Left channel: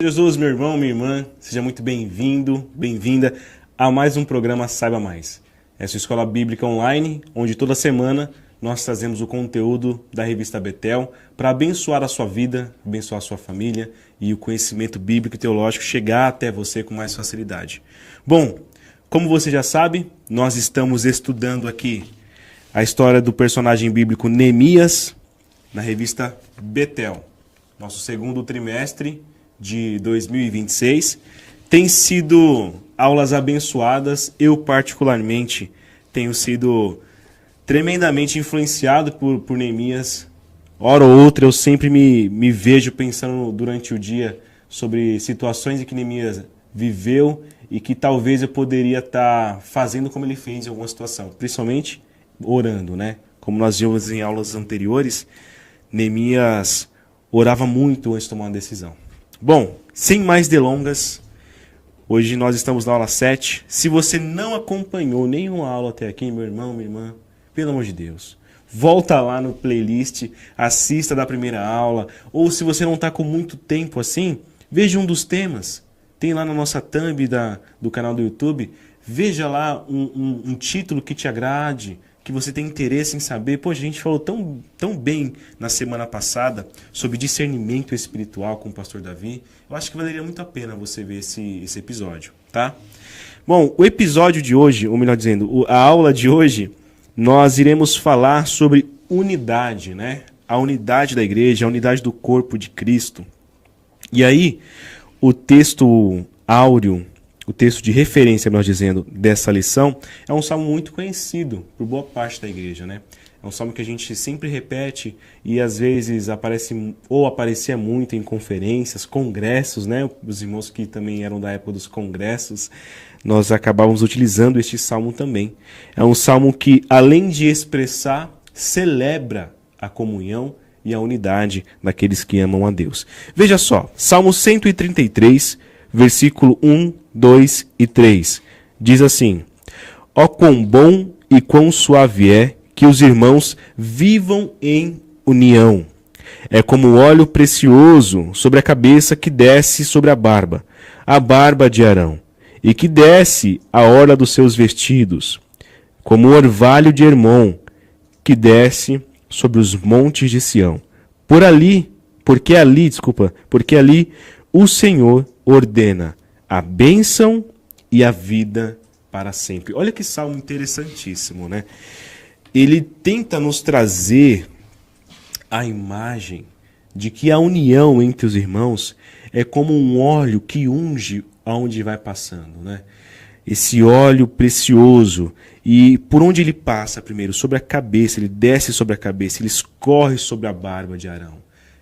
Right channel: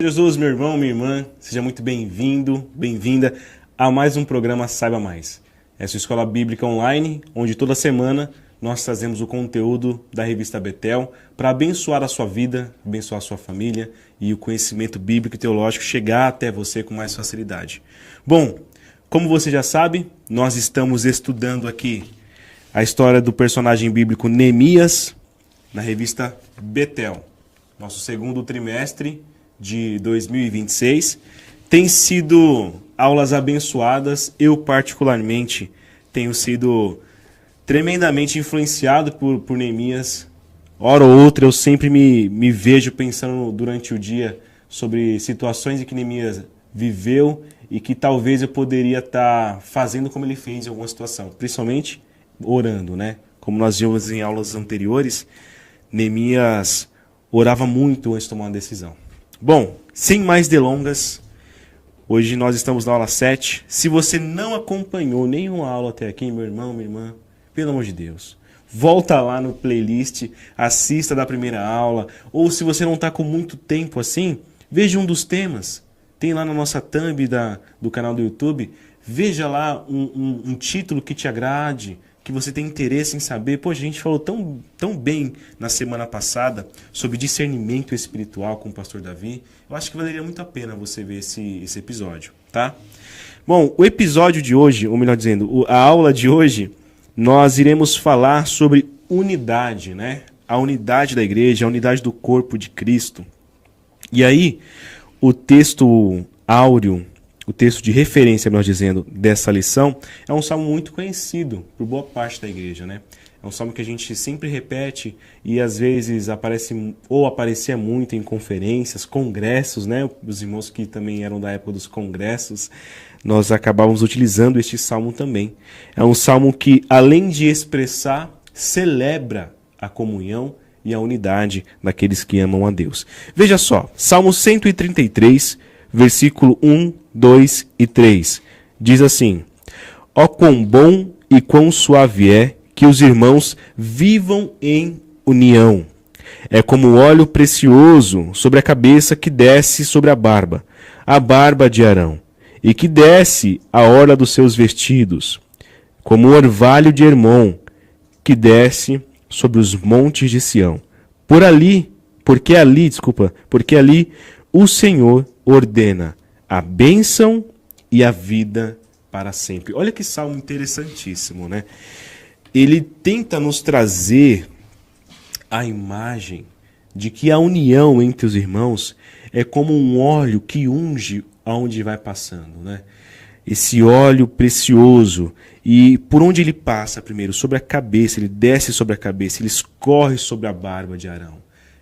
Jesus, meu irmão, minha irmã, seja muito bem-vindo, bem-vinda a mais um programa Saiba Mais. Essa é a escola bíblica online, onde toda semana nós trazemos o conteúdo da revista Betel para abençoar a sua vida, abençoar a sua família e o conhecimento bíblico e teológico chegar até você com mais facilidade. Bom, como você já sabe, nós estamos estudando aqui a história do personagem bíblico Neemias na revista Betel. Nosso segundo trimestre de 2026. Tem sido aulas abençoadas. Eu, particularmente, tenho sido tremendamente influenciado por Neemias. Hora ou outra, eu sempre me vejo pensando durante o dia sobre situações em que Neemias viveu e que talvez eu poderia estar fazendo como ele fez em alguma situação. Principalmente orando, né? Como nós vimos em aulas anteriores, Neemias orava muito antes de tomar uma decisão. Bom, sem mais delongas, hoje nós estamos na aula 7. Se você não acompanhou nenhuma aula até aqui, meu irmão, minha irmã, pelo amor de Deus, volta lá no playlist, assista da primeira aula, ou se você não está com muito tempo assim, veja um dos temas. Tem lá na nossa thumb do canal do YouTube, veja lá um título que te agrade, que você tem interesse em saber. Pô, a gente falou tão bem na semana passada sobre discernimento espiritual com o pastor Davi. Eu acho que valeria muito a pena você ver esse episódio, tá? Bom, o episódio de hoje, ou melhor dizendo, a aula de hoje, nós iremos falar sobre unidade, né? A unidade da igreja, a unidade do corpo de Cristo. E aí, o texto áureo, o texto de referência, nós dizendo, dessa lição, é um salmo muito conhecido por boa parte da igreja, né? É um salmo que a gente sempre repete e às vezes aparecia muito em conferências, congressos, né? Os irmãos que também eram da época dos congressos, nós acabávamos utilizando este salmo também. É um salmo que, além de expressar, celebra a comunhão e a unidade daqueles que amam a Deus. Veja só, Salmo 133, versículo 1, 2 e 3. Diz assim: Ó quão bom e quão suave é que os irmãos vivam em união. É como óleo precioso sobre a cabeça que desce sobre a barba de Arão, e que desce a orla dos seus vestidos, como o orvalho de Hermon, que desce sobre os montes de Sião. Porque ali o Senhor ordena a bênção e a vida para sempre. Olha que salmo interessantíssimo, né? Ele tenta nos trazer a imagem de que a união entre os irmãos é como um óleo que unge aonde vai passando, né? Esse óleo precioso, e por onde ele passa primeiro? Sobre a cabeça, ele desce sobre a cabeça, ele escorre sobre a barba de Arão.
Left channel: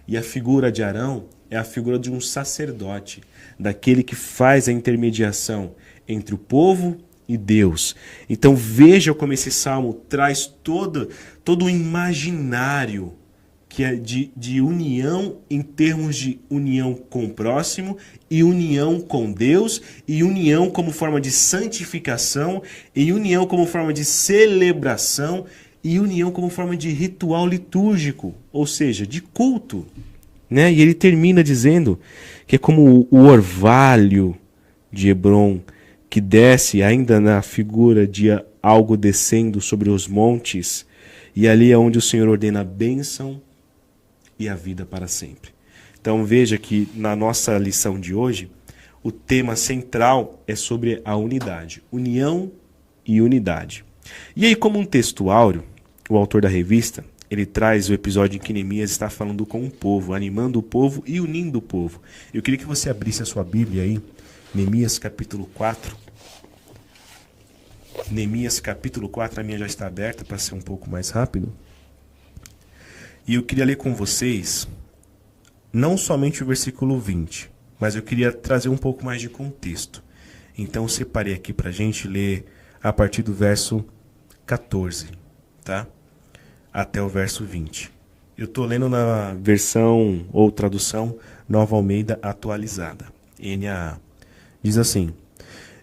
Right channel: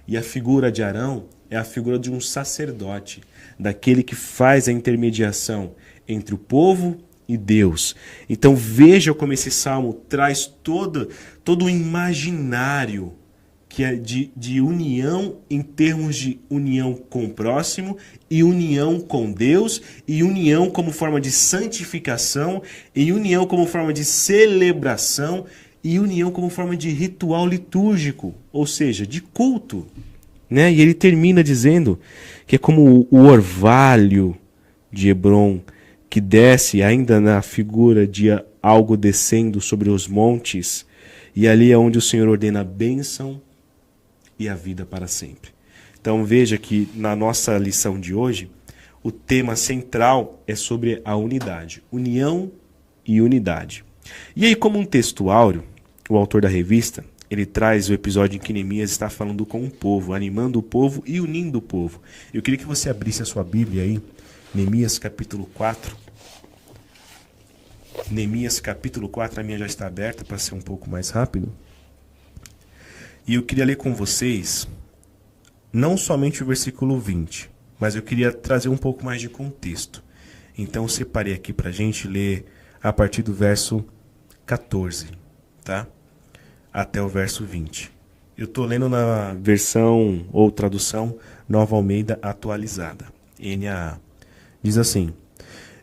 E a figura de Arão é a figura de um sacerdote, daquele que faz a intermediação entre o povo e Deus. Então veja como esse salmo traz todo o imaginário que é de união em termos de união com o próximo, e união com Deus, e união como forma de santificação, e união como forma de celebração, e união como forma de ritual litúrgico, ou seja, de culto, né? E ele termina dizendo que é como o orvalho de Hebron, que desce ainda na figura de algo descendo sobre os montes, e ali é onde o Senhor ordena a bênção e a vida para sempre. Então veja que na nossa lição de hoje, o tema central é sobre a unidade, união e unidade. E aí, como um texto áureo, o autor da revista, ele traz o episódio em que Neemias está falando com o povo, animando o povo e unindo o povo. Eu queria que você abrisse a sua Bíblia aí, Neemias capítulo 4. Neemias capítulo 4, a minha já está aberta para ser um pouco mais rápido. E eu queria ler com vocês, não somente o versículo 20, mas eu queria trazer um pouco mais de contexto. Então eu separei aqui para a gente ler a partir do verso 14, tá? Até o verso 20. Eu estou lendo na versão ou tradução Nova Almeida Atualizada, NAA. Diz assim:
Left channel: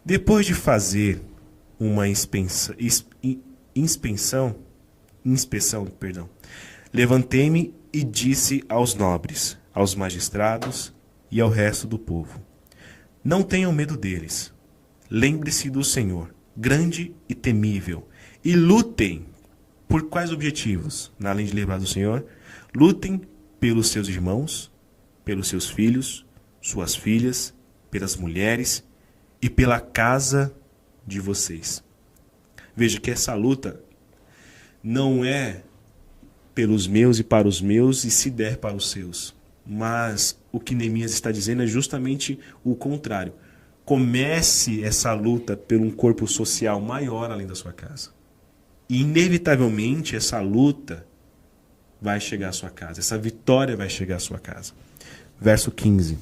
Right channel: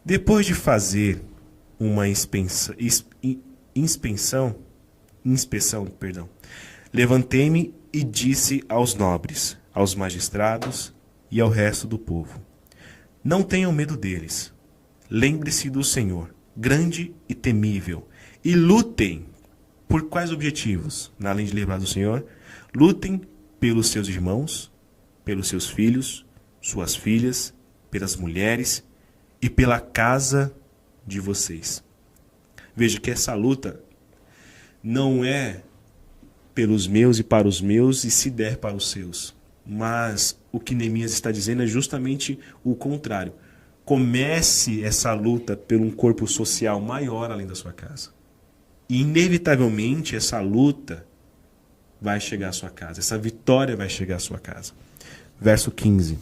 depois de fazer uma inspeção, levantei-me e disse aos nobres, aos magistrados e ao resto do povo. Não tenham medo deles. Lembre-se do Senhor, grande e temível, e lutem. Por quais objetivos? Além de lembrar do Senhor, lutem pelos seus irmãos, pelos seus filhos, suas filhas, pelas mulheres e pela casa de vocês. Veja que essa luta não é pelos meus e para os meus e se der para os seus. Mas o que Neemias está dizendo é justamente o contrário. Comece essa luta por um corpo social maior além da sua casa. E inevitavelmente essa luta vai chegar à sua casa. Essa vitória vai chegar à sua casa. Verso 15.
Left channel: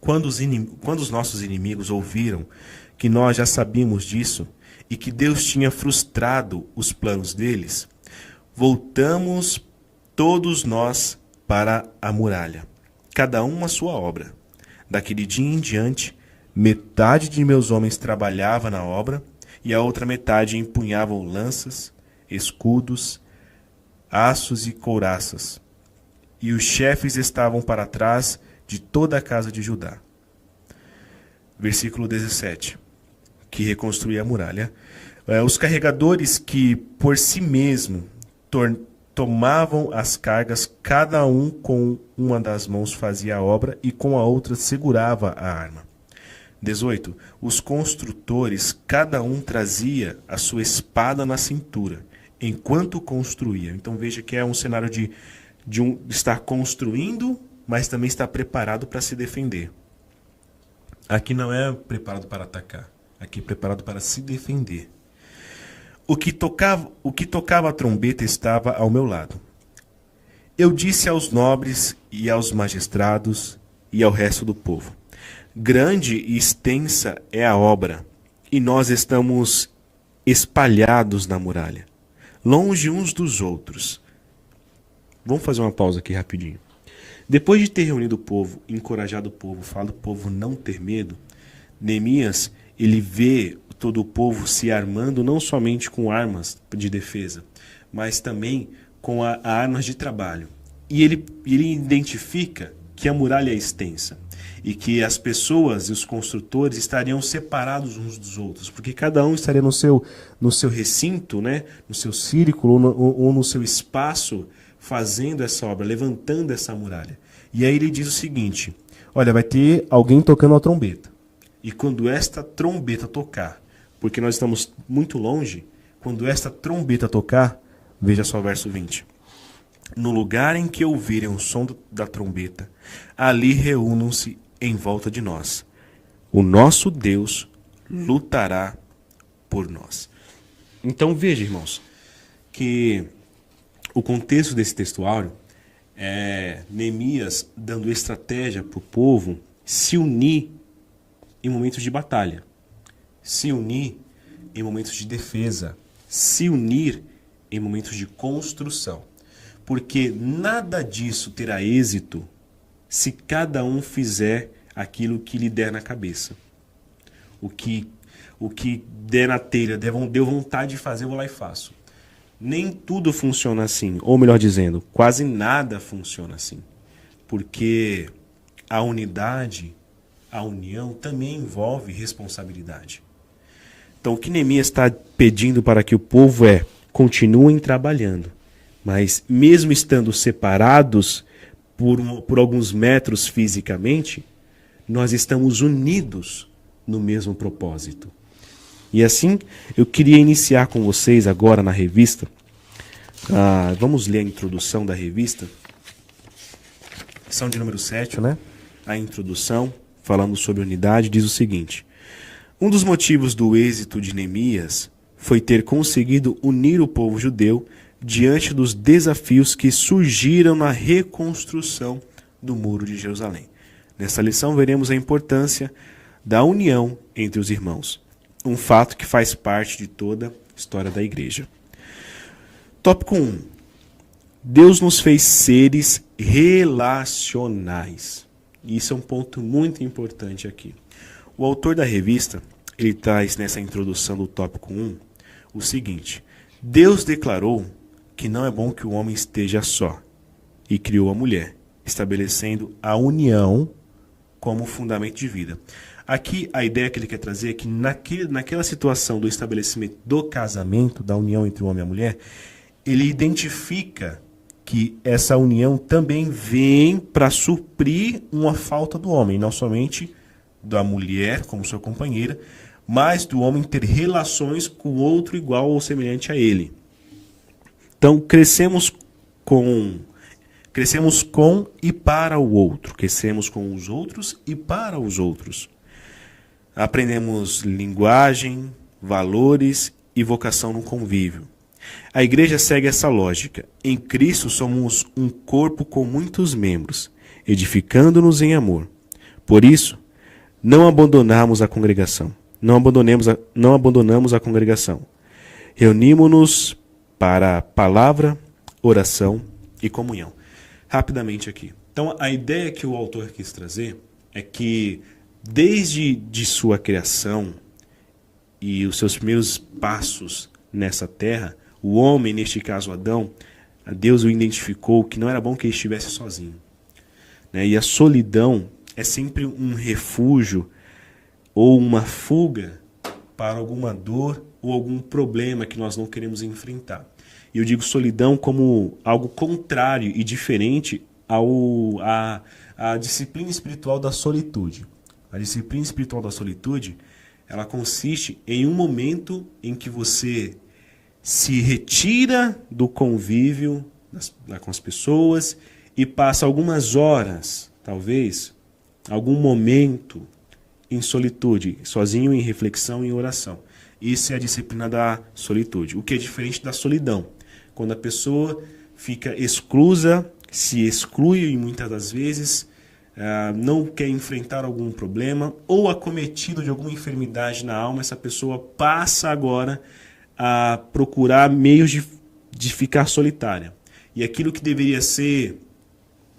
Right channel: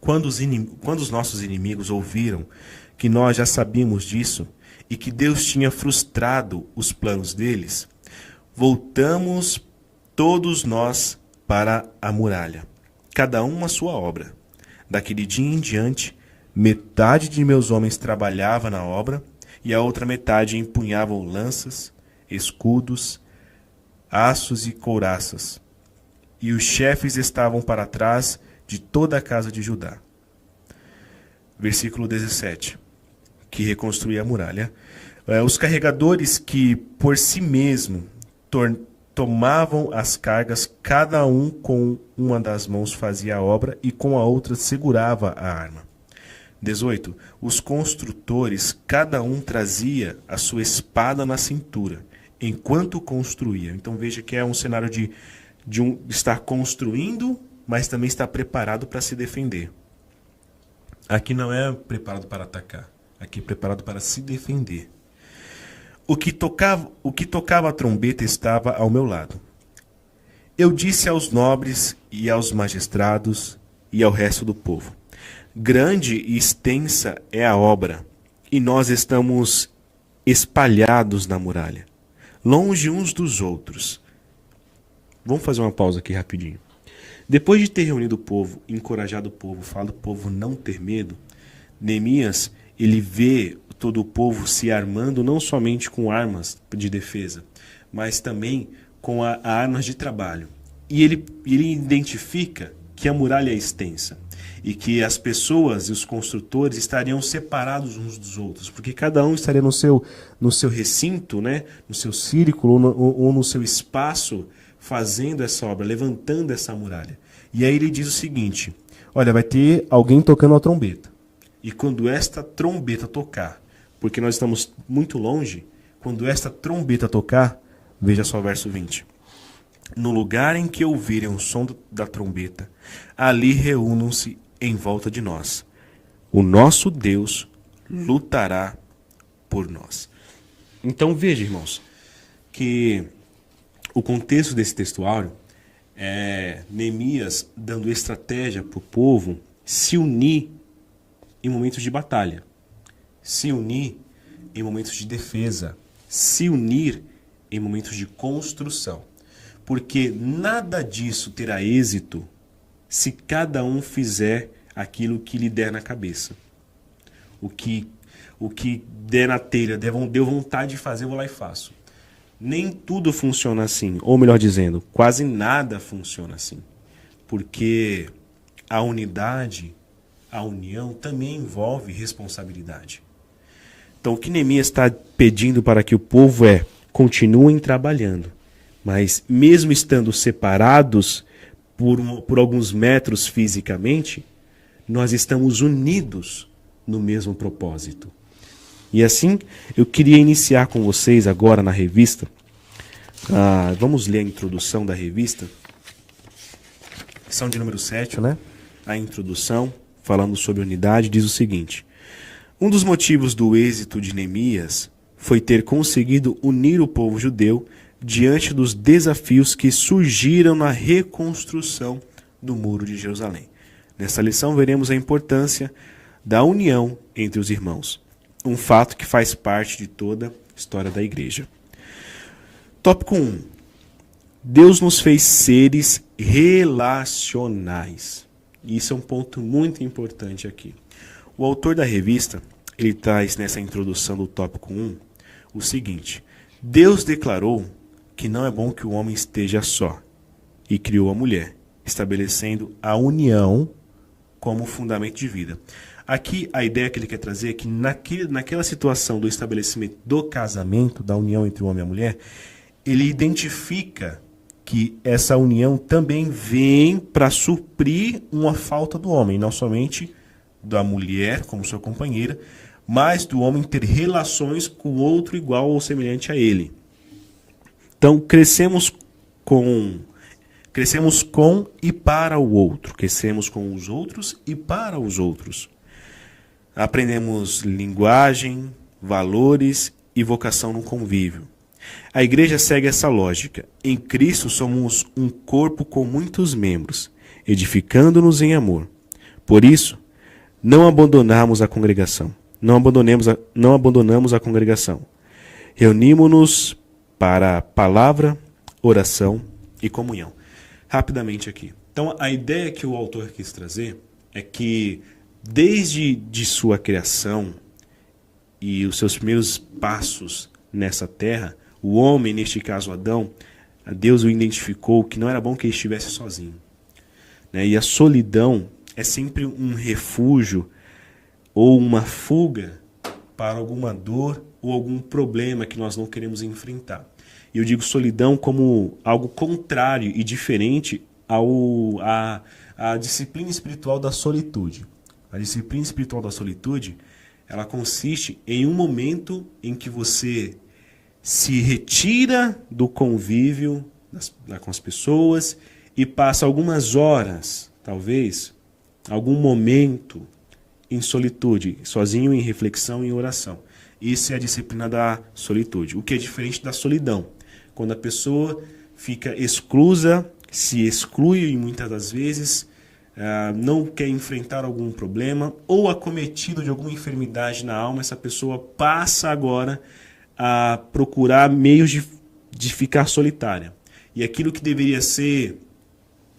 Quando os nossos inimigos ouviram que nós já sabíamos disso e que Deus tinha frustrado os planos deles, voltamos todos nós para a muralha, cada um a sua obra. Daquele dia em diante, metade de meus homens trabalhava na obra e a outra metade empunhavam lanças, escudos, aços e couraças. E os chefes estavam para trás de toda a casa de Judá. Versículo 17, que reconstruía a muralha. Os carregadores que por si mesmo tomavam as cargas, cada um com uma das mãos fazia a obra e com a outra segurava a arma. 18. Os construtores, cada um trazia a sua espada na cintura, enquanto construía. Então veja que é um cenário de estar construindo, mas também estar preparado para se defender. Aqui não é preparado para atacar, aqui é preparado para se defender. O que tocava a trombeta estava ao meu lado. Eu disse aos nobres e aos magistrados e ao resto do povo: grande e extensa é a obra, e nós estamos espalhados na muralha, longe uns dos outros. Vamos fazer uma pausa aqui rapidinho. Depois de ter reunido o povo, encorajado o povo, falado o povo não ter medo, Neemias, ele vê todo o povo se armando não somente com armas de defesa, mas também com armas de trabalho. E ele identifica que a muralha é extensa e que as pessoas e os construtores estariam separados uns dos outros, porque cada um estaria no seu recinto, né, no seu círculo ou no seu espaço, fazendo essa obra, levantando essa muralha. E aí ele diz o seguinte: olha, vai ter alguém tocando a trombeta. E quando esta trombeta tocar, porque nós estamos muito longe, quando esta trombeta tocar, veja só o verso 20. No lugar em que ouvirem o som da trombeta, ali reúnam-se em volta de nós. O nosso Deus lutará por nós. Então veja, irmãos, que o contexto desse textuário é Neemias dando estratégia para o povo se unir em momentos de batalha, se unir em momentos de defesa, se unir em momentos de construção. Porque nada disso terá êxito se cada um fizer aquilo que lhe der na cabeça. O que der na telha, deu vontade de fazer, eu vou lá e faço. Nem tudo funciona assim, ou melhor dizendo, quase nada funciona assim. Porque a unidade, a união também envolve responsabilidade. Então o que Neemias está pedindo para que o povo continuem trabalhando, mas mesmo estando separados por alguns metros fisicamente, nós estamos unidos no mesmo propósito. E assim, eu queria iniciar com vocês agora na revista. Vamos ler a introdução da revista. Lição de número 7, né? A introdução, falando sobre unidade, diz o seguinte: um dos motivos do êxito de Neemias foi ter conseguido unir o povo judeu diante dos desafios que surgiram na reconstrução do Muro de Jerusalém. Nessa lição veremos a importância da união entre os irmãos, um fato que faz parte de toda a história da igreja. Tópico 1. Deus nos fez seres relacionais. Isso é um ponto muito importante aqui. O autor da revista, ele traz nessa introdução do tópico 1 o seguinte: Deus declarou que não é bom que o homem esteja só, e criou a mulher, estabelecendo a união como fundamento de vida. Aqui a ideia que ele quer trazer é que naquela situação do estabelecimento do casamento, da união entre o homem e a mulher, ele identifica que essa união também vem para suprir uma falta do homem, não somente da mulher como sua companheira, mas do homem ter relações com outro igual ou semelhante a ele. Então, crescemos com e para o outro. Crescemos com os outros e para os outros. Aprendemos linguagem, valores e vocação no convívio. A igreja segue essa lógica. Em Cristo somos um corpo com muitos membros, edificando-nos em amor. Por isso, não abandonamos a congregação. Não abandonamos a congregação. Reunimos-nos para palavra, oração e comunhão. Rapidamente aqui. Então, a ideia que o autor quis trazer é que, desde de sua criação e os seus primeiros passos nessa terra, o homem, neste caso Adão, Deus o identificou que não era bom que ele estivesse sozinho. E a solidão é sempre um refúgio ou uma fuga para alguma dor ou algum problema que nós não queremos enfrentar. E eu digo solidão como algo contrário e diferente à disciplina espiritual da solitude. A disciplina espiritual da solitude, ela consiste em um momento em que você se retira do convívio com as pessoas e passa algumas horas, talvez, algum momento em solitude, sozinho, em reflexão e em oração. Isso é a disciplina da solitude, o que é diferente da solidão. Quando a pessoa fica exclusa, se exclui e muitas das vezes não quer enfrentar algum problema ou acometido de alguma enfermidade na alma, essa pessoa passa agora a procurar meios de ficar solitária. E aquilo que deveria ser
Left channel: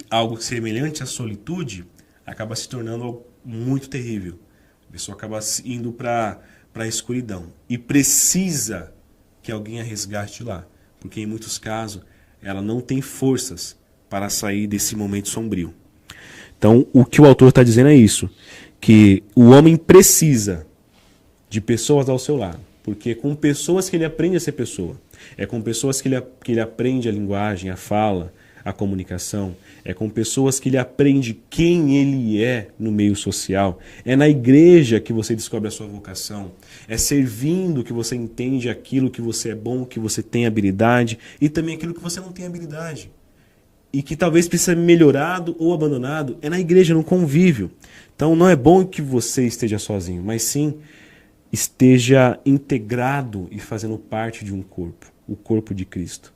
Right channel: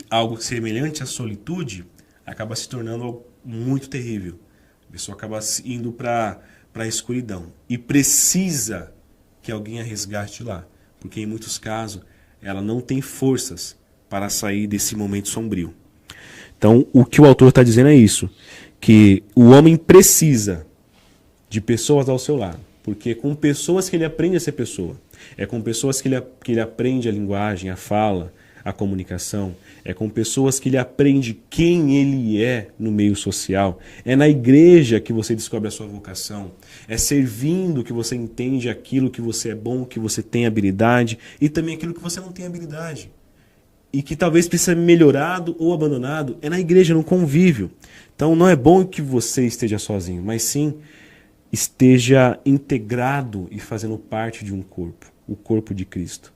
algo semelhante à solitude acaba se tornando algo muito terrível. A pessoa acaba indo para a escuridão e precisa que alguém a resgate de lá, porque em muitos casos ela não tem forças para sair desse momento sombrio. Então, o que o autor está dizendo é isso, que o homem precisa de pessoas ao seu lado, porque é com pessoas que ele aprende a ser pessoa, é com pessoas que ele aprende a linguagem, a fala, a comunicação, é com pessoas que ele aprende quem ele é no meio social, é na igreja que você descobre a sua vocação, é servindo que você entende aquilo que você é bom, que você tem habilidade e também aquilo que você não tem habilidade e que talvez precisa ser melhorado ou abandonado, é na igreja, no convívio. Então não é bom que você esteja sozinho, mas sim esteja integrado e fazendo parte de um corpo, o corpo de Cristo,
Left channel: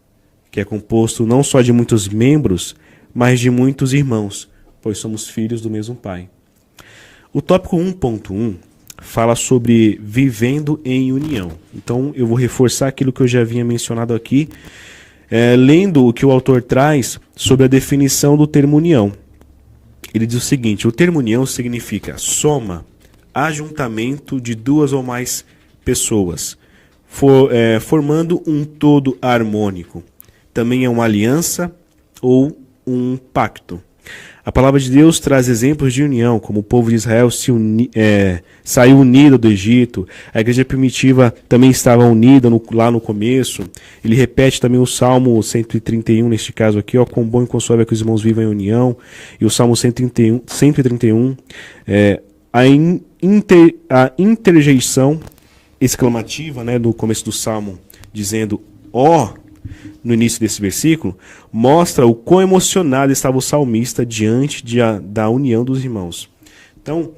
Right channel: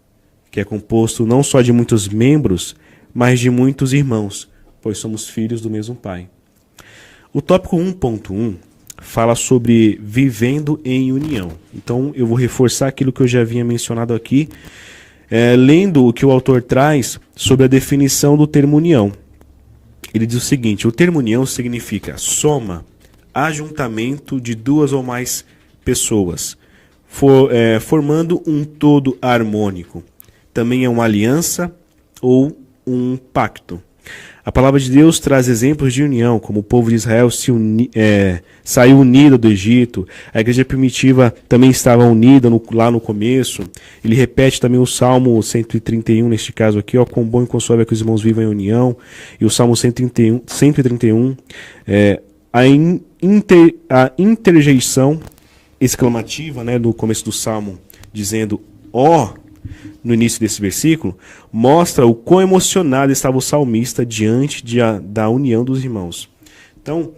que é composto não só de muitos membros, mas de muitos irmãos, pois somos filhos do mesmo Pai. O tópico 1.1 fala sobre vivendo em união. Então eu vou reforçar aquilo que eu já havia mencionado aqui, lendo o que o autor traz sobre a definição do termo união. Ele diz o seguinte: o termo união significa soma, ajuntamento de duas ou mais pessoas, formando um todo harmônico. Também é uma aliança ou um pacto. A palavra de Deus traz exemplos de união, como o povo de Israel saiu unido do Egito, a igreja primitiva também estava unida lá no começo. Ele repete também o Salmo 131, neste caso aqui, quão bom e quão suave é que os irmãos vivam em união, e o Salmo 131, a interjeição exclamativa, no começo do Salmo, dizendo ó, no início desse versículo, mostra o quão emocionado estava o salmista diante da união dos irmãos. Então,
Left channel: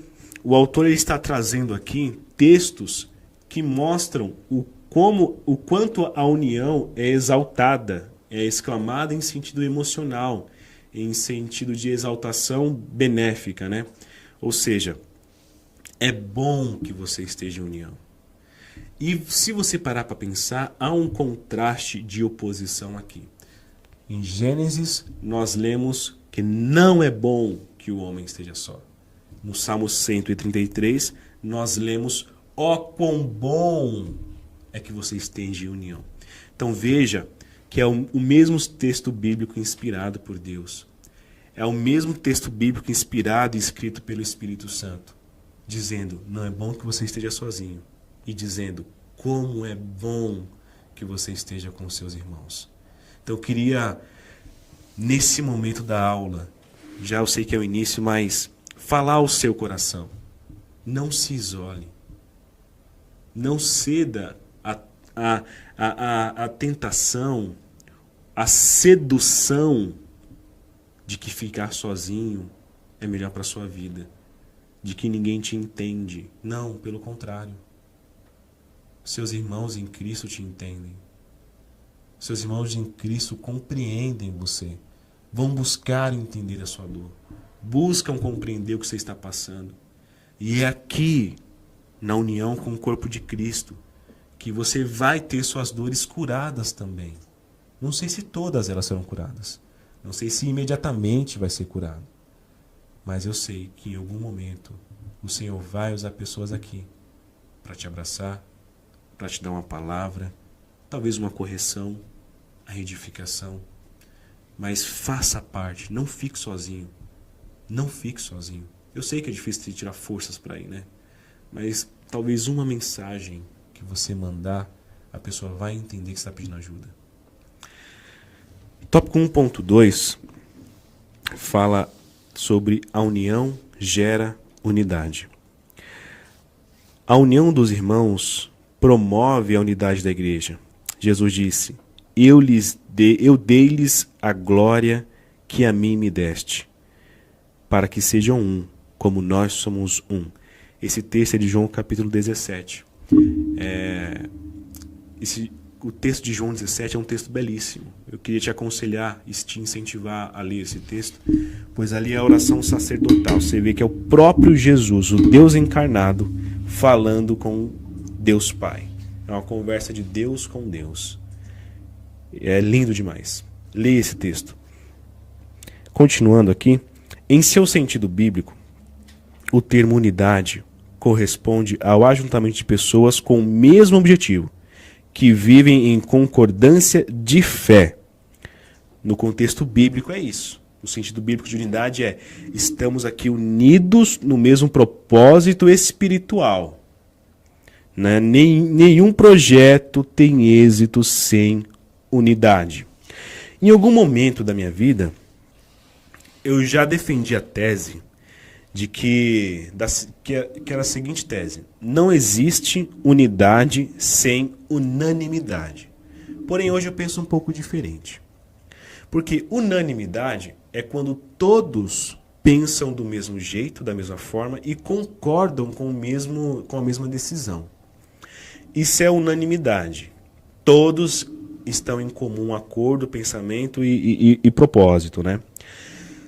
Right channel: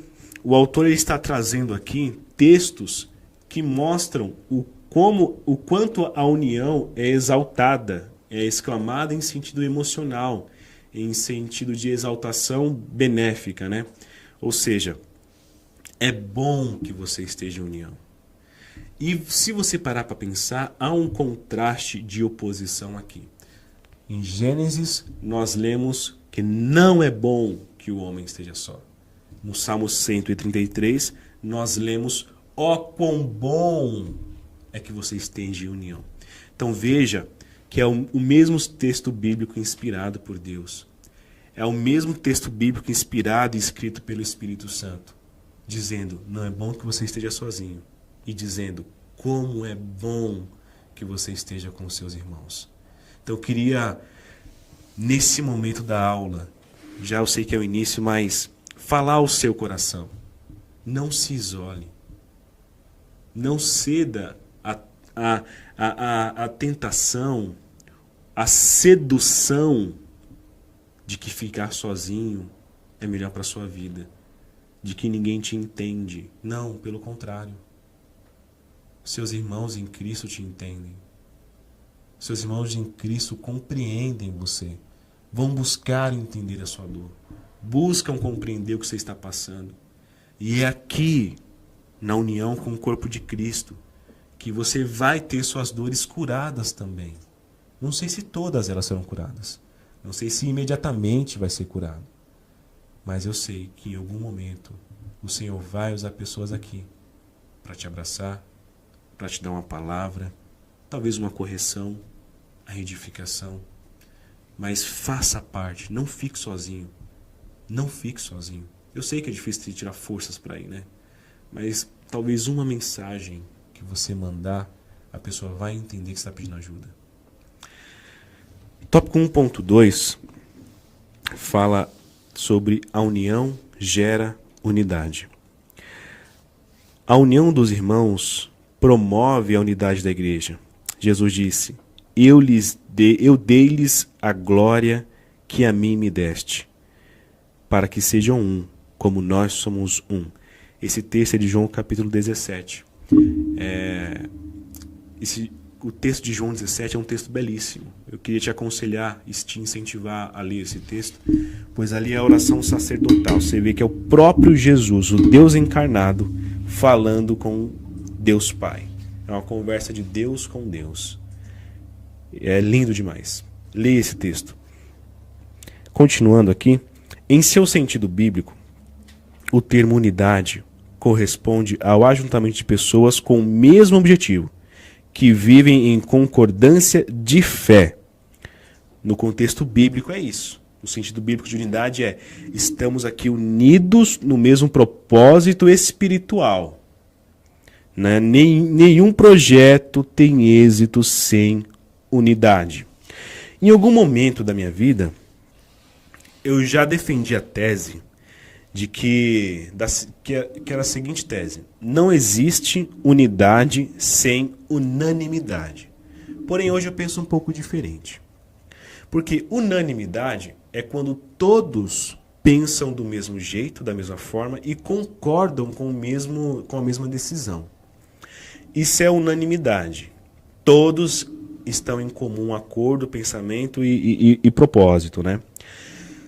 o autor está trazendo aqui textos que mostram o quanto a união é exaltada, é exclamada em sentido emocional, em sentido de exaltação benéfica, Ou seja, é bom que você esteja em união. E se você parar para pensar, há um contraste de oposição aqui. Em Gênesis, nós lemos que não é bom que o homem esteja só. No Salmo 133, nós lemos, ó, quão bom é que você esteja em união. Então veja que é o mesmo texto bíblico inspirado por Deus. É o mesmo texto bíblico inspirado e escrito pelo Espírito Santo, dizendo, não é bom que você esteja sozinho, e dizendo, como é bom que você esteja com os seus irmãos. Então eu queria, nesse momento da aula, já eu sei que é o início, mas falar ao seu coração. Não se isole. Não ceda à tentação, à sedução de que ficar sozinho é melhor para a sua vida, de que ninguém te entende. Não, pelo contrário. Seus irmãos em Cristo te entendem. Seus irmãos em Cristo compreendem você. Vão buscar entender a sua dor. Buscam compreender o que você está passando. E é aqui, na união com o corpo de Cristo, que você vai ter suas dores curadas também. Não sei se todas elas serão curadas. Não sei se imediatamente vai ser curado. Mas eu sei que em algum momento o Senhor vai usar pessoas aqui para te abraçar, para te dar uma palavra, talvez uma correção, a edificação. Mas faça parte, não fique sozinho. Não fique sozinho. Eu sei que é difícil tirar forças para ir, né? Mas talvez uma mensagem que você mandar, a pessoa vai entender que está pedindo ajuda. Tópico 1.2 fala sobre a união gera unidade. A união dos irmãos promove a unidade da igreja. Jesus disse, eu dei-lhes a glória que a mim me deste, para que sejam um, como nós somos um. Esse texto é de João capítulo 17. O texto de João 17 é um texto belíssimo. Eu queria te aconselhar e te incentivar a ler esse texto, pois ali é a oração sacerdotal. Você vê que é o próprio Jesus, o Deus encarnado, falando com Deus Pai. É uma conversa de Deus com Deus. É lindo demais. Leia esse texto. Continuando aqui, em seu sentido bíblico, o termo unidade corresponde ao ajuntamento de pessoas com o mesmo objetivo, que vivem em concordância de fé. No contexto bíblico é isso. O sentido bíblico de unidade é, estamos aqui unidos no mesmo propósito espiritual. Né? Nenhum projeto tem êxito sem unidade. Em algum momento da minha vida, eu já defendi a tese de que era a seguinte tese: não existe unidade sem unanimidade. Porém, hoje eu penso um pouco diferente. Porque unanimidade é quando todos pensam do mesmo jeito, da mesma forma e concordam com a mesma decisão. Isso é unanimidade. Todos estão em comum acordo, pensamento e propósito, né?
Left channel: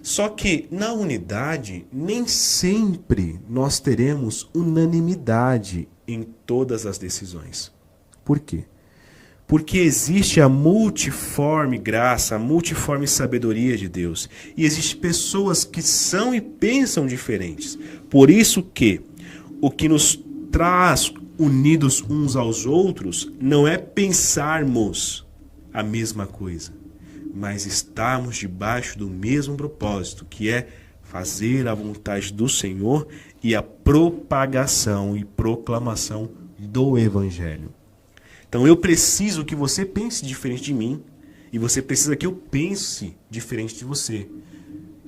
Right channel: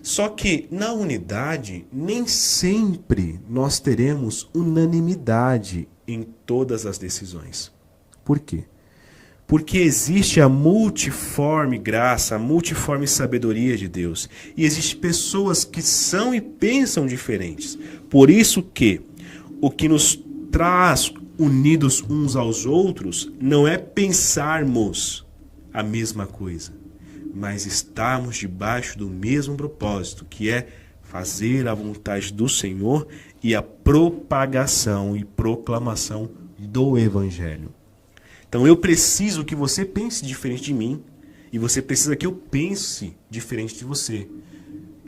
Só que na unidade, nem sempre nós teremos unanimidade em todas as decisões. Por quê? Porque existe a multiforme graça, a multiforme sabedoria de Deus. E existem pessoas que são e pensam diferentes. Por isso que o que nos traz unidos uns aos outros não é pensarmos a mesma coisa, mas estarmos debaixo do mesmo propósito, que é fazer a vontade do Senhor e a propagação e proclamação do Evangelho. Então eu preciso que você pense diferente de mim e você precisa que eu pense diferente de você.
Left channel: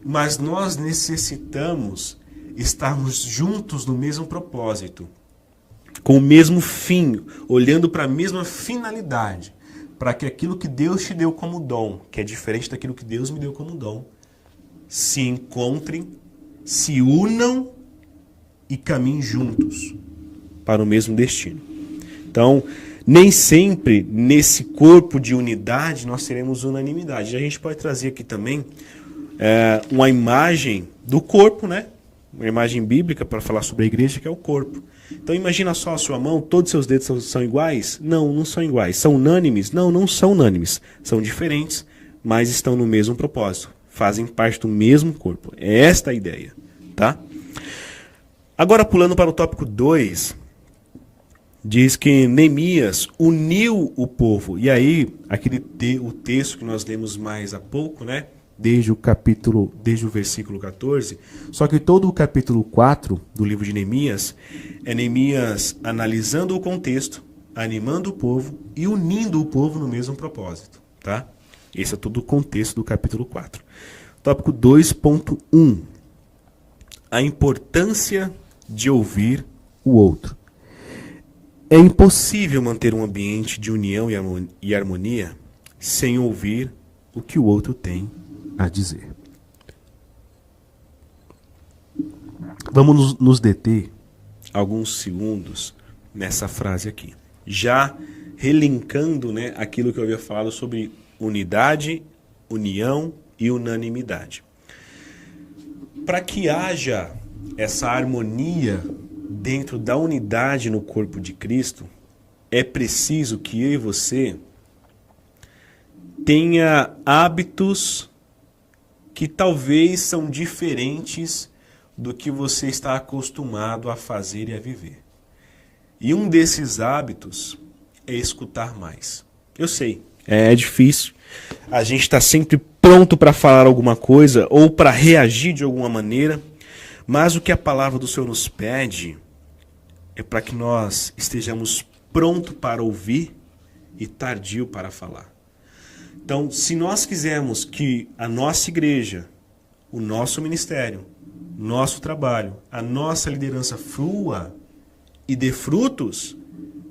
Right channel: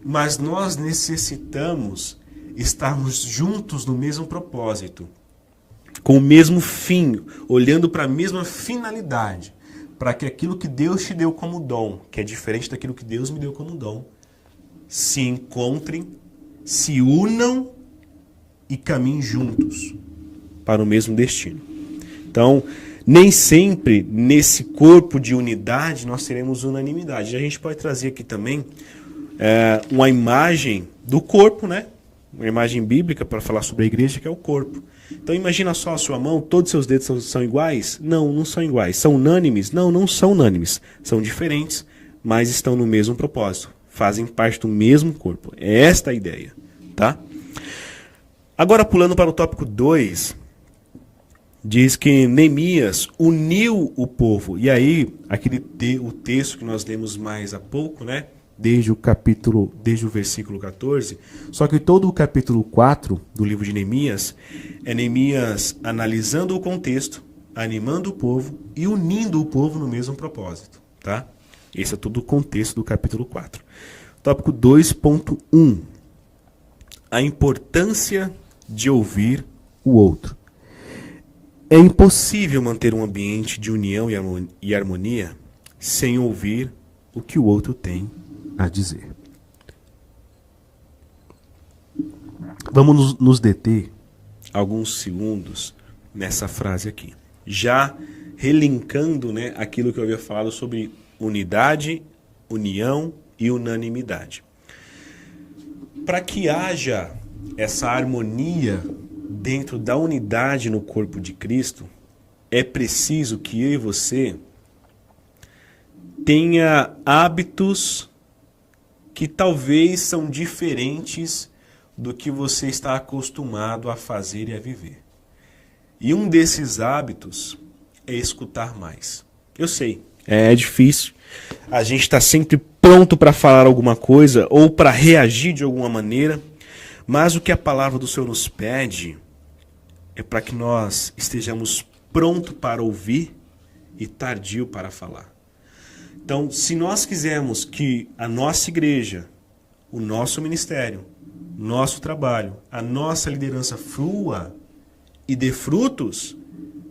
Mas nós necessitamos estarmos juntos no mesmo propósito, com o mesmo fim, olhando para a mesma finalidade, para que aquilo que Deus te deu como dom, que é diferente daquilo que Deus me deu como dom, se encontrem, se unam e caminhem juntos para o mesmo destino. Então, nem sempre nesse corpo de unidade nós teremos unanimidade. A gente pode trazer aqui também uma imagem do corpo, né? Uma imagem bíblica para falar sobre a igreja, que é o corpo. Então imagina só a sua mão, todos os seus dedos são iguais? Não, não são iguais. São unânimes? Não, não são unânimes. São diferentes, mas estão no mesmo propósito. Fazem parte do mesmo corpo. É esta a ideia, tá? Agora pulando para o tópico 2, diz que Neemias uniu o povo. E aí, o texto que nós lemos mais há pouco, né? desde o versículo 14, só que todo o capítulo 4 do livro de Neemias é Neemias analisando o contexto, animando o povo e unindo o povo no mesmo propósito, tá? Esse é todo o contexto do capítulo 4. Tópico 2.1. A importância de ouvir o outro. É impossível manter um ambiente de união e harmonia sem ouvir o que o outro tem a dizer. Vamos nos deter alguns segundos nessa frase aqui. Já relinkando, né, aquilo que eu havia falado sobre unidade, união e unanimidade. Para que haja essa harmonia dentro da unidade no corpo de Cristo, é preciso que eu e você tenha hábitos que talvez são diferentes do que você está acostumado a fazer e a viver. E um desses hábitos é escutar mais. Eu sei, é difícil. A gente está sempre pronto para falar alguma coisa ou para reagir de alguma maneira, mas o que a palavra do Senhor nos pede é para que nós estejamos prontos para ouvir e tardio para falar. Então, se nós quisermos que a nossa igreja, o nosso ministério, nosso trabalho, a nossa liderança flua e dê frutos,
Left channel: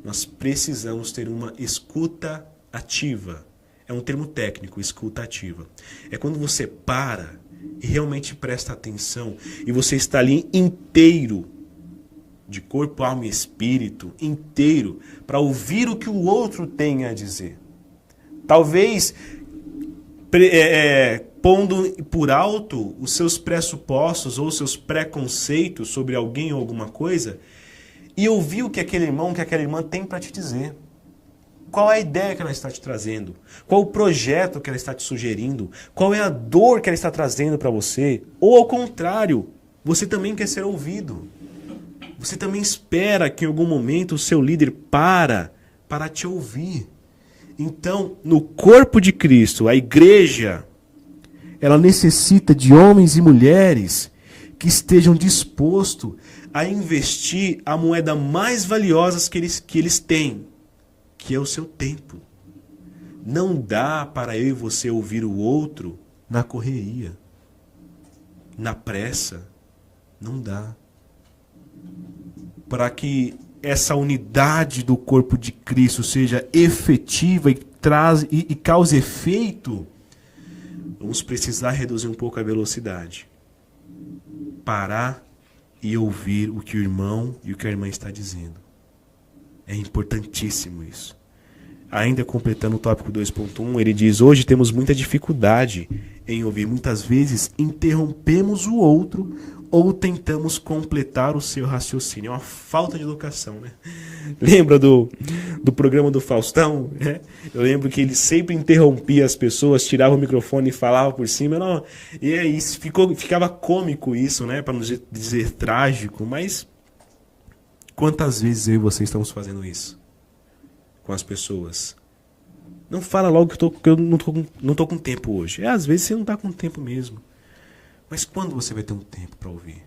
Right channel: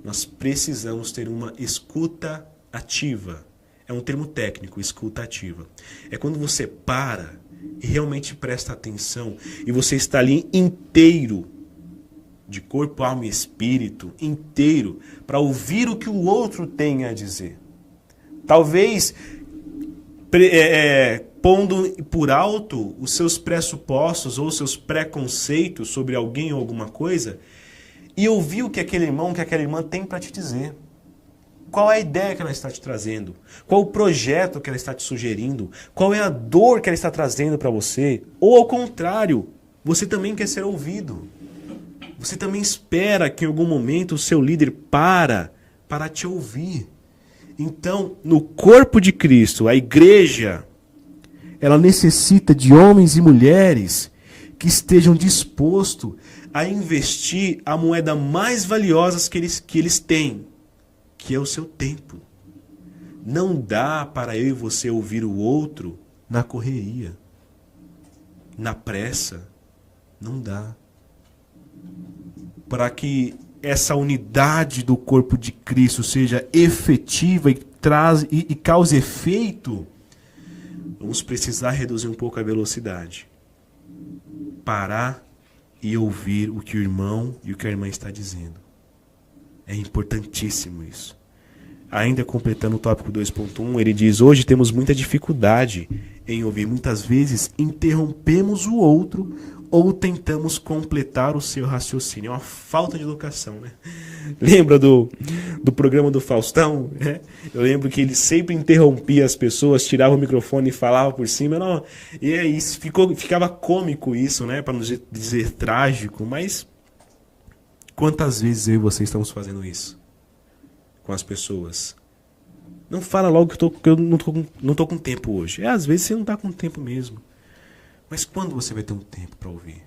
nós precisamos ter uma escuta ativa. É um termo técnico, escuta ativa. É quando você para e realmente presta atenção e você está ali inteiro, de corpo, alma e espírito, inteiro, para ouvir o que o outro tem a dizer. Talvez pondo por alto os seus pressupostos ou seus preconceitos sobre alguém ou alguma coisa e ouvir o que aquele irmão, que aquela irmã tem para te dizer. Qual é a ideia que ela está te trazendo? Qual o projeto que ela está te sugerindo? Qual é a dor que ela está trazendo para você? Ou ao contrário, você também quer ser ouvido. Você também espera que em algum momento o seu líder para te ouvir. Então, no corpo de Cristo, a igreja, ela necessita de homens e mulheres que estejam dispostos a investir a moeda mais valiosa que eles têm, que é o seu tempo. Não dá para eu e você ouvir o outro na correria, na pressa. Não dá. Para que essa unidade do corpo de Cristo seja efetiva e cause efeito, vamos precisar reduzir um pouco a velocidade. Parar e ouvir o que o irmão e o que a irmã está dizendo. É importantíssimo isso. Ainda completando o tópico 2.1, ele diz: hoje temos muita dificuldade em ouvir. Muitas vezes interrompemos o outro ou tentamos completar o seu raciocínio. É uma falta de educação, né? Lembra do programa do Faustão? Né? Eu lembro que ele sempre interrompia as pessoas, tirava o microfone e falava por cima. Não, e é isso, ficava cômico isso, né? Para não dizer trágico, mas quantas vezes eu e você estamos fazendo isso com as pessoas? Não fala logo que eu não tô com tempo hoje. Às vezes você não está com tempo mesmo. Mas quando você vai ter um tempo para ouvir?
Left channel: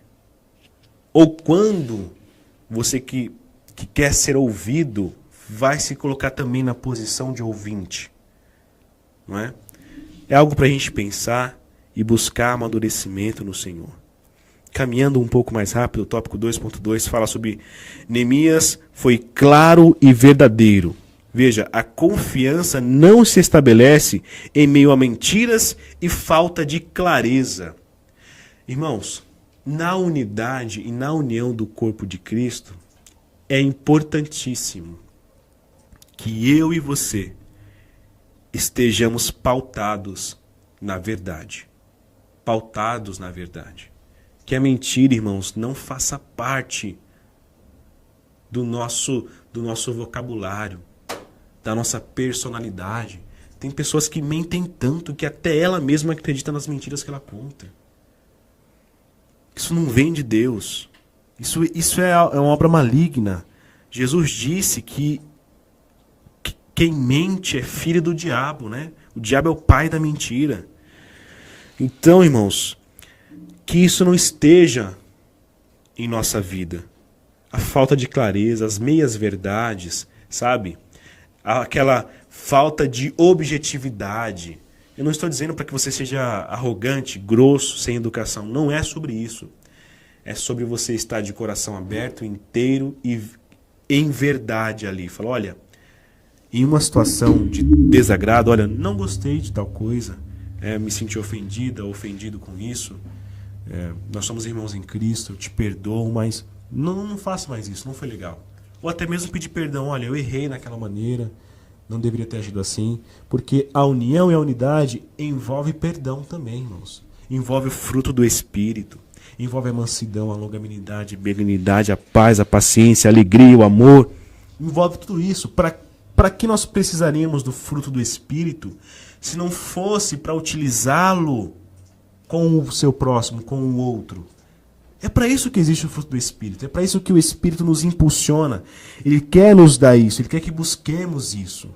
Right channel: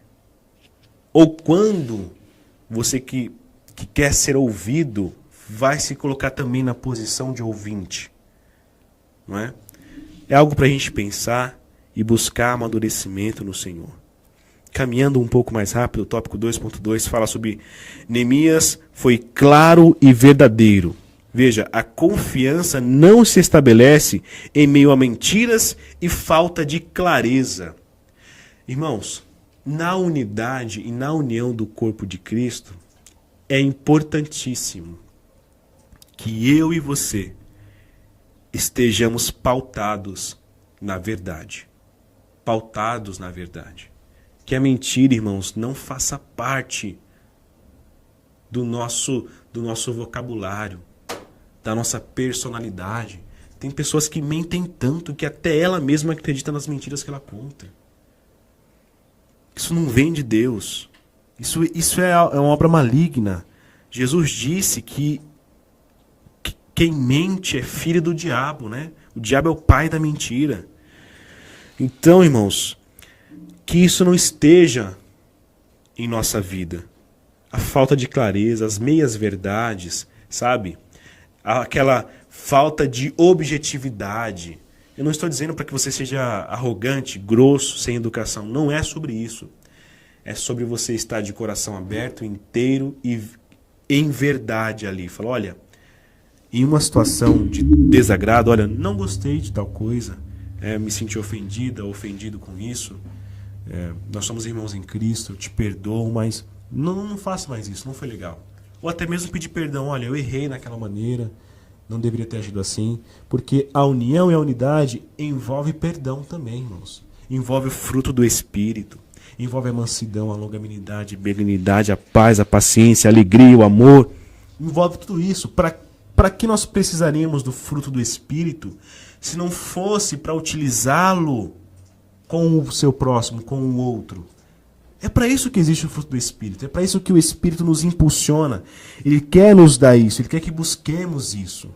Ou quando você que quer ser ouvido vai se colocar também na posição de ouvinte? Não é? É algo para a gente pensar e buscar amadurecimento no Senhor. Caminhando um pouco mais rápido, o tópico 2.2 fala sobre Neemias foi claro e verdadeiro. Veja, a confiança não se estabelece em meio a mentiras e falta de clareza. Irmãos, na unidade e na união do corpo de Cristo, é importantíssimo que eu e você estejamos pautados na verdade. Pautados na verdade. Que a mentira, irmãos, não faça parte do nosso vocabulário, da nossa personalidade. Tem pessoas que mentem tanto que até ela mesma acredita nas mentiras que ela conta. Isso não vem de Deus. Isso é uma obra maligna. Jesus disse que quem mente é filho do diabo, né? O diabo é o pai da mentira. Então, irmãos, que isso não esteja em nossa vida. A falta de clareza, as meias-verdades, sabe? Aquela falta de objetividade. Eu não estou dizendo para que você seja arrogante, grosso, sem educação. Não é sobre isso. É sobre você estar de coração aberto, inteiro e em verdade ali. Fala, olha, em uma situação de desagrado, olha, não gostei de tal coisa, me senti ofendida, ofendido com isso. Nós somos irmãos em Cristo, eu te perdoo, mas não faça mais isso, não foi legal. Ou até mesmo pedir perdão, olha, eu errei naquela maneira, não deveria ter agido assim, porque a união e a unidade envolve perdão também, irmãos. Envolve o fruto do Espírito, envolve a mansidão, a longanimidade, a benignidade, a paz, a paciência, a alegria, o amor. Envolve tudo isso. Para que nós precisaríamos do fruto do Espírito se não fosse para utilizá-lo com o seu próximo, com o outro? É para isso que existe o fruto do Espírito. É para isso que o Espírito nos impulsiona. Ele quer nos dar isso. Ele quer que busquemos isso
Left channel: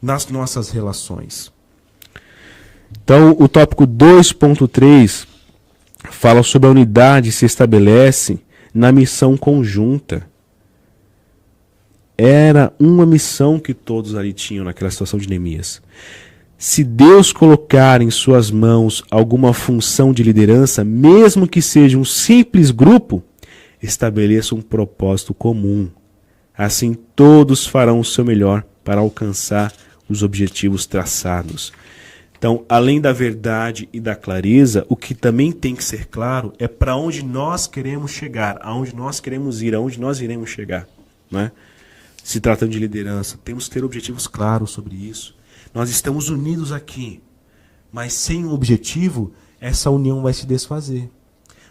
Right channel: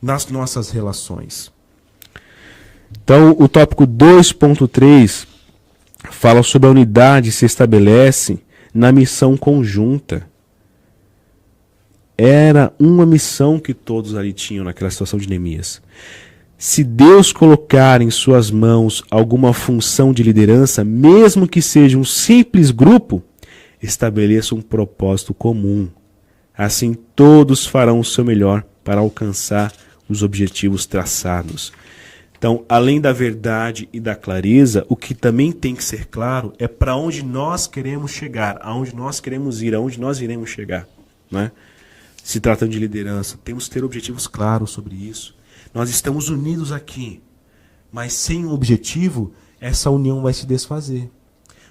nas nossas relações. Então, o tópico 2.3 fala sobre a unidade se estabelece na missão conjunta. Era uma missão que todos ali tinham naquela situação de Neemias. Se Deus colocar em suas mãos alguma função de liderança, mesmo que seja um simples grupo, estabeleça um propósito comum. Assim todos farão o seu melhor para alcançar os objetivos traçados. Então, além da verdade e da clareza, o que também tem que ser claro é para onde nós queremos chegar, aonde nós queremos ir, aonde nós iremos chegar, né? Se tratando de liderança, temos que ter objetivos claros sobre isso. Nós estamos unidos aqui, mas sem um objetivo, essa união vai se desfazer.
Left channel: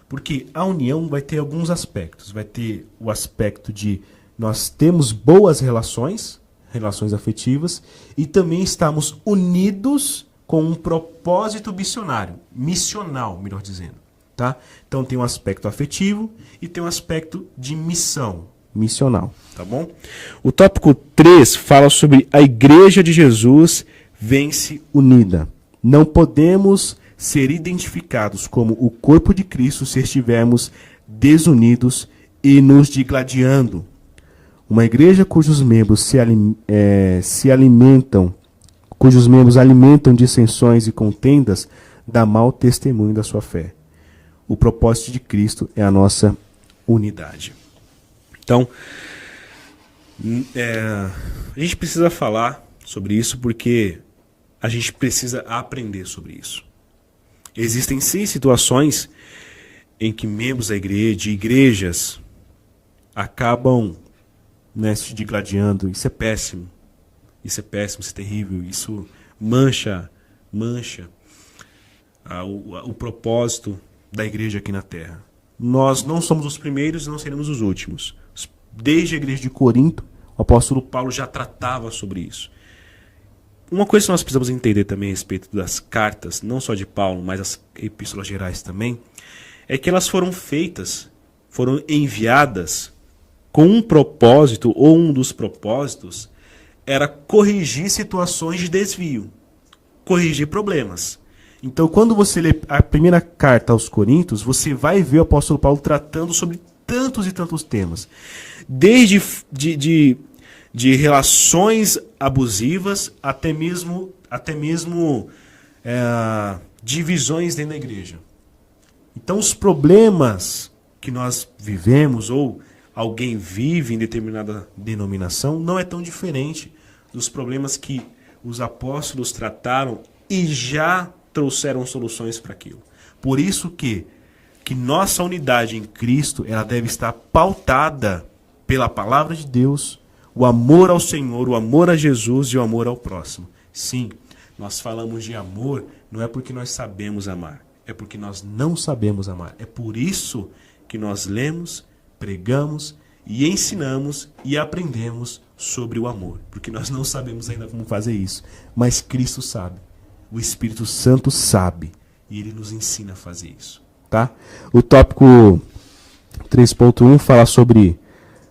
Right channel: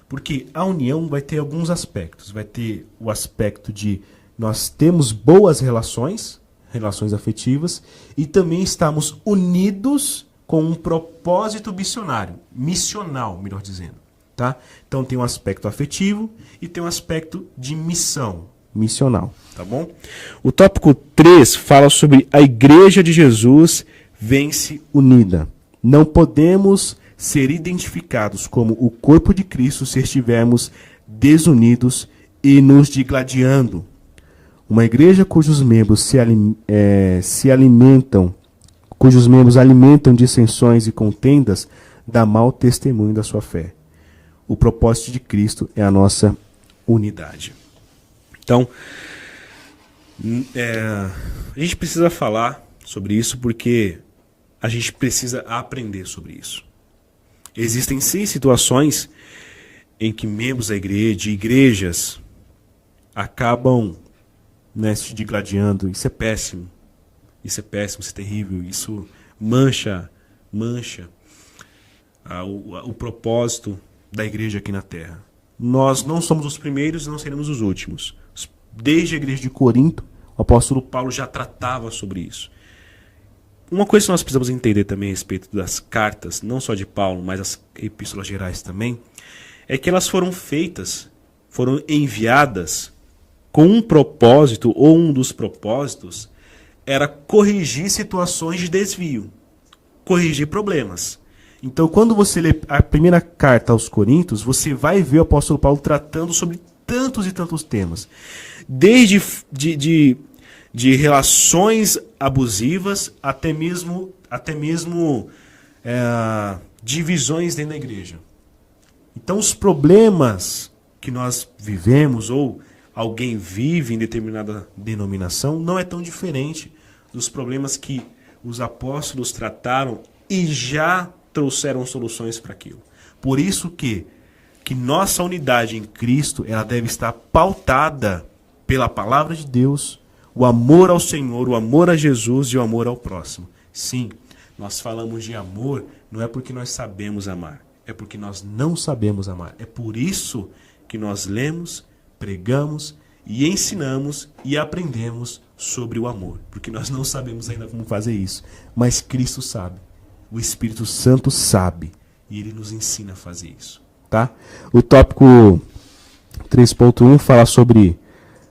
Porque a união vai ter alguns aspectos. Vai ter o aspecto de nós temos boas relações afetivas, e também estamos unidos com um propósito missional, melhor dizendo. Tá? Então tem um aspecto afetivo e tem um aspecto de missional, tá bom? O tópico 3 fala sobre a Igreja de Jesus vence unida. Não podemos ser identificados como o corpo de Cristo se estivermos desunidos e nos digladiando. Uma igreja cujos membros alimentam dissensões e contendas dá mau testemunho da sua fé. O propósito de Cristo é a nossa unidade. Então, a gente precisa falar sobre isso porque a gente precisa aprender sobre isso. Existem sim situações em que membros da igreja, de igrejas, acabam se digladiando. Isso é péssimo. Isso é péssimo, isso é terrível. Isso mancha o propósito da igreja aqui na Terra. Nós não somos os primeiros e não seremos os últimos. Desde a igreja de Corinto, o apóstolo Paulo já tratava sobre isso. Uma coisa que nós precisamos entender também a respeito das cartas, não só de Paulo, mas as epístolas gerais também, é que elas foram enviadas com um propósito, ou um dos propósitos, era corrigir situações de desvio, corrigir problemas. Então, quando você lê a primeira carta aos Coríntios, você vai ver o apóstolo Paulo tratando sobre tantos e tantos temas. Desde de relações abusivas até mesmo divisões dentro da igreja. Então, os problemas que nós vivemos ou alguém vive em determinada denominação não é tão diferente dos problemas que os apóstolos trataram e já trouxeram soluções para aquilo. Por isso que nossa unidade em Cristo ela deve estar pautada pela palavra de Deus, o amor ao Senhor, o amor a Jesus e o amor ao próximo. Sim, nós falamos de amor não é porque nós sabemos amar, é porque nós não sabemos amar. É por isso que nós lemos, pregamos e ensinamos e aprendemos sobre o amor. Porque nós não sabemos ainda como fazer isso, mas Cristo sabe. O Espírito Santo sabe e Ele nos ensina a fazer isso. Tá? O tópico 3.1 fala sobre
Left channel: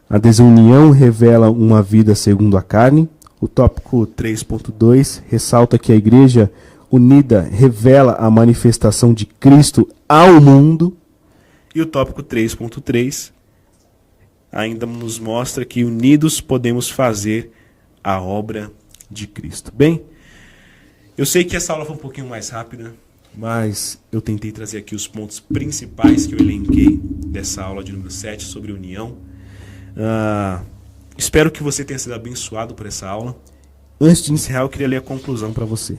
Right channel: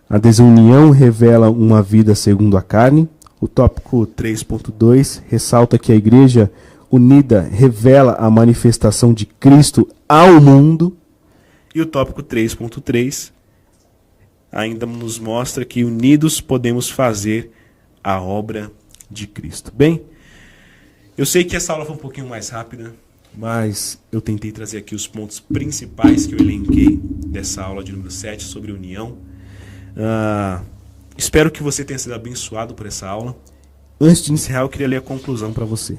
a desunião revela uma vida segundo a carne. O tópico 3.2 ressalta que a igreja unida revela a manifestação de Cristo ao mundo. E o tópico 3.3 ainda nos mostra que unidos podemos fazer a obra de Cristo. Bem, eu sei que essa aula foi um pouquinho mais rápida, mas eu tentei trazer aqui os pontos principais que eu elenquei dessa aula de número 7 sobre união. Espero que você tenha sido abençoado por essa aula. Antes de encerrar, eu queria ler a conclusão para você.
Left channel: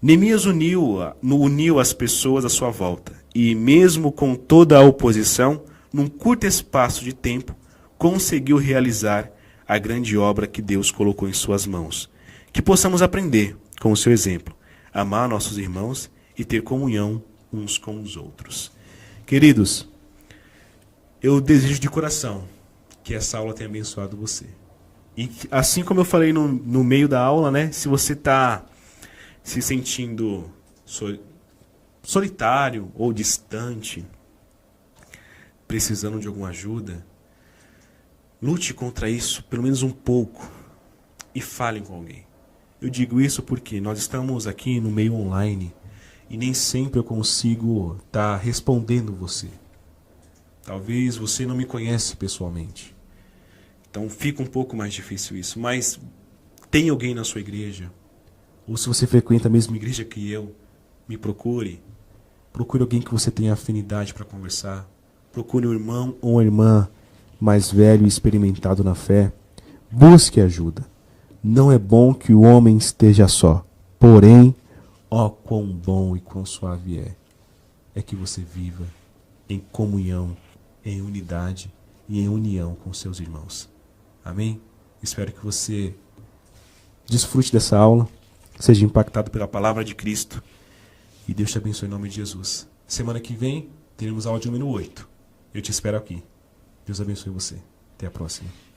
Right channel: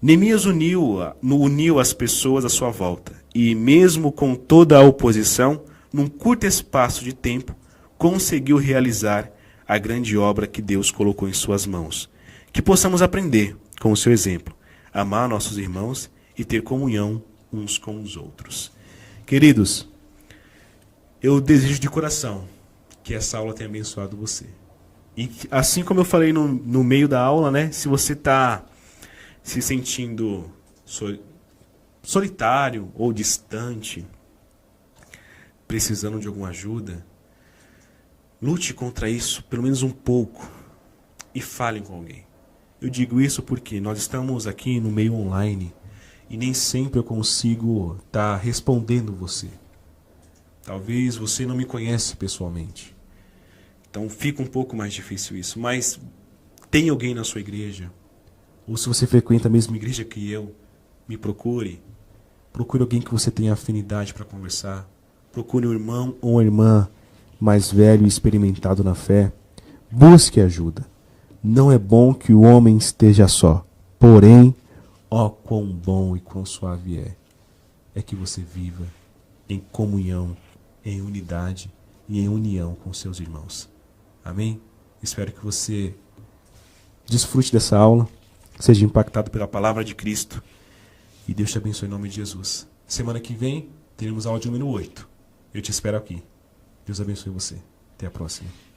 Neemias uniu as pessoas à sua volta e, mesmo com toda a oposição, num curto espaço de tempo, conseguiu realizar a grande obra que Deus colocou em suas mãos. Que possamos aprender com o seu exemplo, amar nossos irmãos e ter comunhão uns com os outros. Queridos, eu desejo de coração que essa aula tenha abençoado você. E assim como eu falei no meio da aula, né, se você está se sentindo solitário ou distante, precisando de alguma ajuda, lute contra isso pelo menos um pouco e fale com alguém. Eu digo isso porque nós estamos aqui no meio online e nem sempre eu consigo estar respondendo você. Talvez você não me conhece pessoalmente. Então fica um pouco mais difícil isso. Mas tem alguém na sua igreja? Ou se você frequenta a mesma igreja que eu, me procure. Procure alguém que você tenha afinidade para conversar. Procure um irmão ou uma irmã mais velho e experimentado na fé. Busque ajuda. Não é bom que o homem esteja só. Porém, ó quão bom e quão suave é que você viva em comunhão, em unidade e em união com seus irmãos. Amém? Espero que você desfrute dessa aula, seja impactado pela palavra de Cristo e Deus te abençoe em nome de Jesus. Semana que vem teremos a aula de número 8. Eu te espero aqui. Deus abençoe você. Até a próxima.